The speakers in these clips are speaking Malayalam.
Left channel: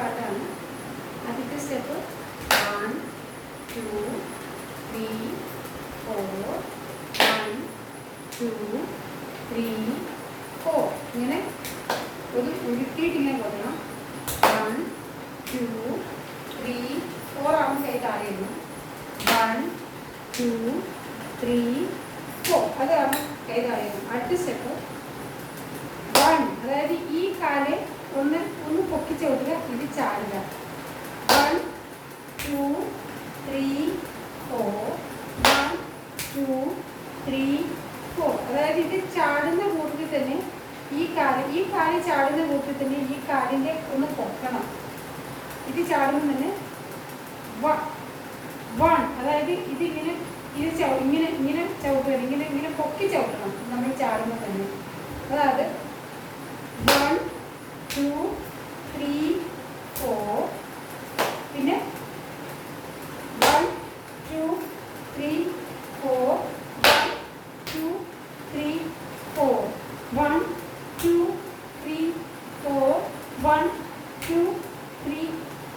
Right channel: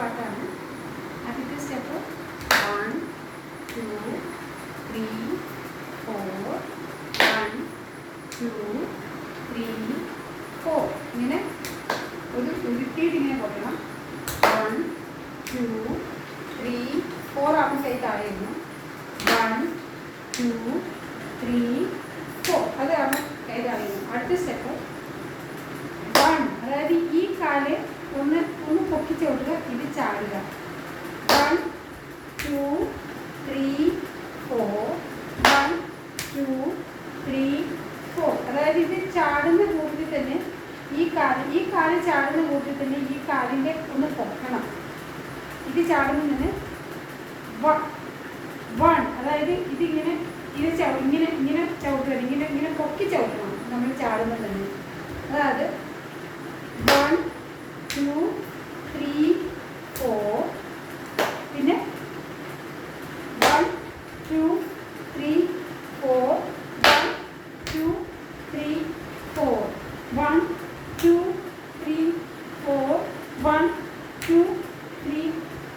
പാട്ടാണ് ആദ്യത്തെ step one two three four one two three four ഇങ്ങനെ ഒരു ഉരുട്ടിയിട്ട് ഇങ്ങനെ കൊട്ടണം വൺ ടു ത്രീ ഫോർ ആവുമ്പോൾ കൈ താഴെ ഇടണം വൺ ടു ത്രീ ഫോർ അതാണ് കൈ താഴെ ഇടണം അടുത്ത സ്റ്റെപ്പ് വൺ അതായത് ഈ കാൽ ഒന്ന് ഒന്ന് പൊക്കിച്ച് കൊടുക്കുക. ഇത് ചാടുക. One two three four one two three four അതായത് ഇത് ചാടുന്ന കൂട്ടത്തിൽ തന്നെ ഈ കാൽ ഈ കാൽ ചാടുന്ന കൂട്ടത്തിൽ തന്നെ ഈ കാലിന്റെ ഒന്ന് പൊക്കണം. ഇത് ചാടുമ്പോൾ തന്നെ വൺ. അതായത് ഇതിങ്ങനെ ഇത് ചവ ഇങ്ങനെ ഇങ്ങനെ ചവിട്ടണം ഇങ്ങനെ ഇങ്ങനെ പൊക്കി ചവിട്ടണം. നമ്മൾ ചാടുമ്പോൾ തന്നെ. അതായത് വൺ ടു ത്രീ ഫോർ പിന്നെ one two three four one two three four one two three four one two three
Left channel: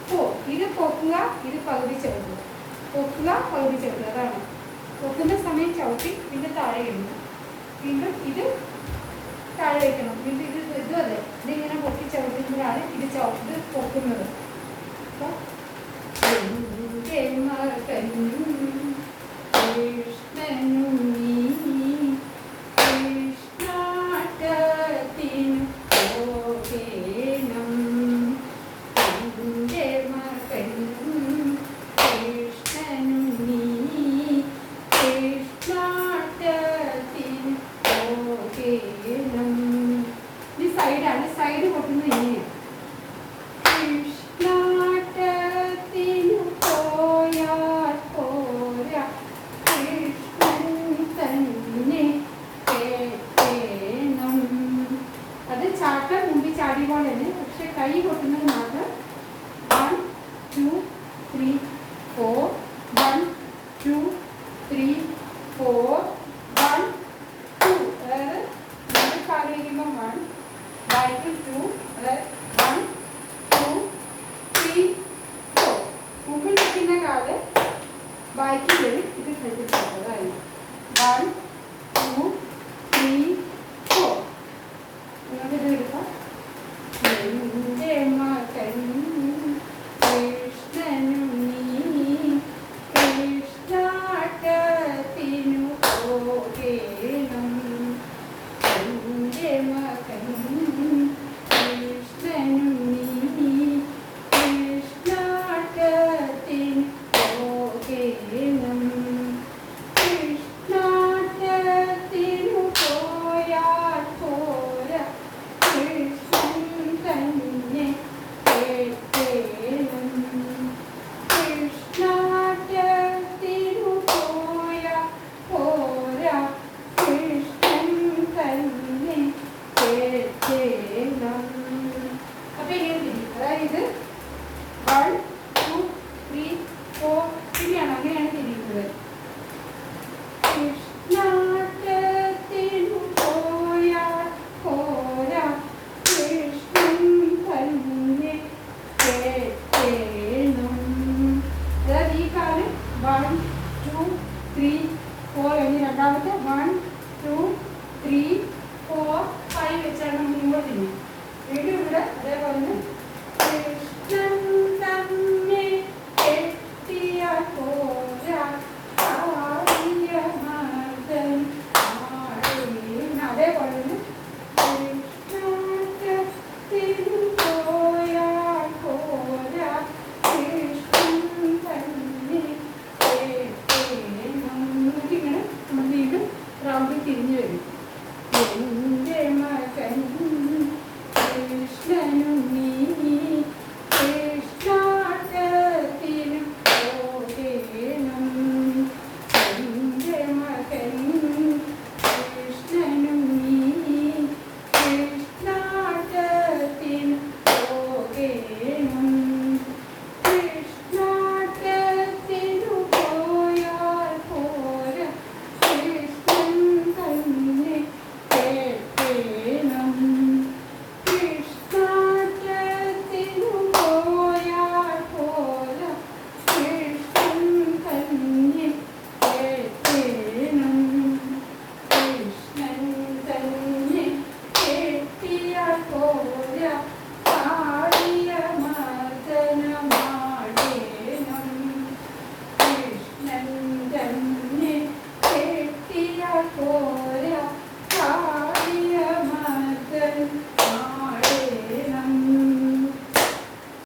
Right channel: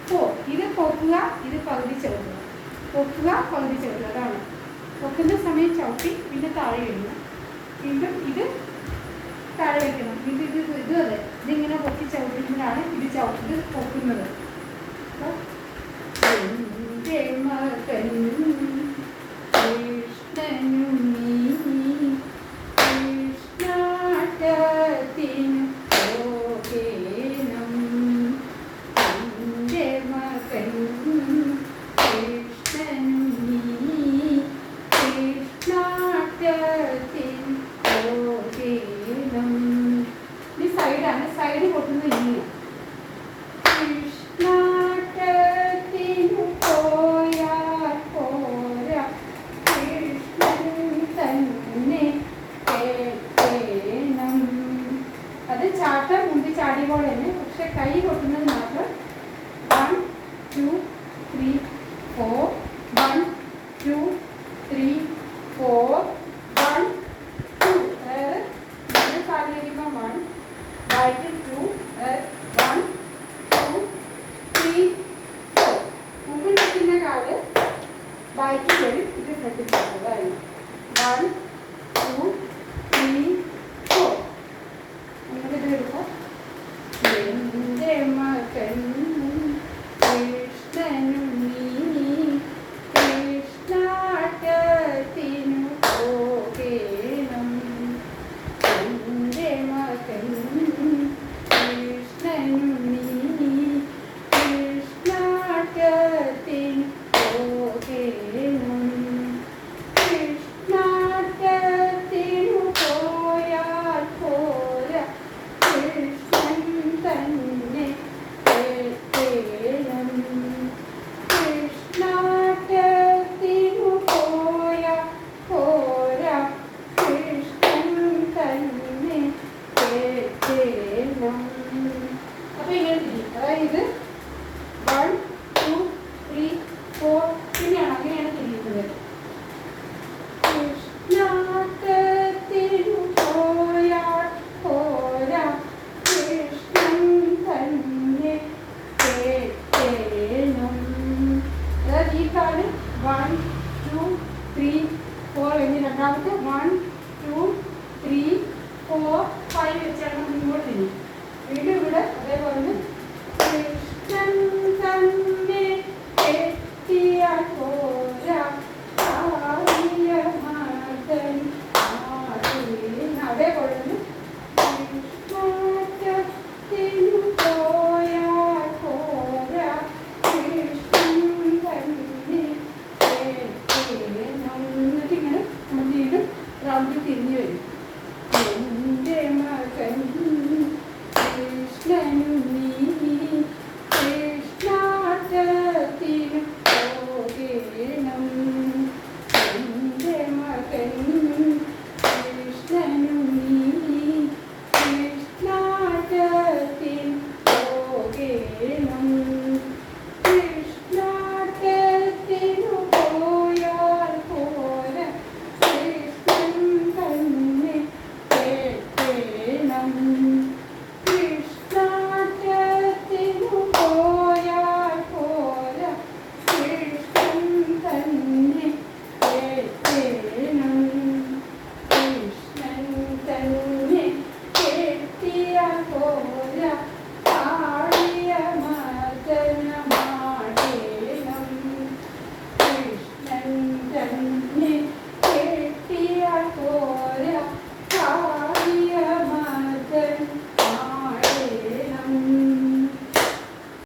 four ഇത് പൊക്കുക ഇത് പകുതി ചവിട്ടുക. പൊക്കുക പകുതി ചവിട്ടുക. അതാണ്. പൊക്കുന്ന സമയം ചവിട്ടി പിന്നെ താഴെ ഇടുക വീണ്ടും ഇത് താഴെ വെക്കണം വീണ്ടും ഇത് ഇതും അതെ ചവിട്ടുമ്പോഴാണ് ഇത് ഇത് പൊക്കുന്നത്. Two three four one two three four one two അതായത് നമ്മൾ കാലിരിക്കുമ്പോൾ വൺ ബാക്കിൽ two one two three four മുമ്പിൽ നിൽക്കുന്ന കാൽ ബാക്കിൽ വരും ഇത് ശ്രദ്ധിച്ചത് വൺ ഇത് വൺ ടു ത്രീ ഫോർ പിന്നെയാണ് അങ്ങനെയാണ് തിരിയുന്നത്. ഫോർ എന്നീ രണ്ടാമത്തെ one two three four five വെച്ചാണ് Mm-hmm.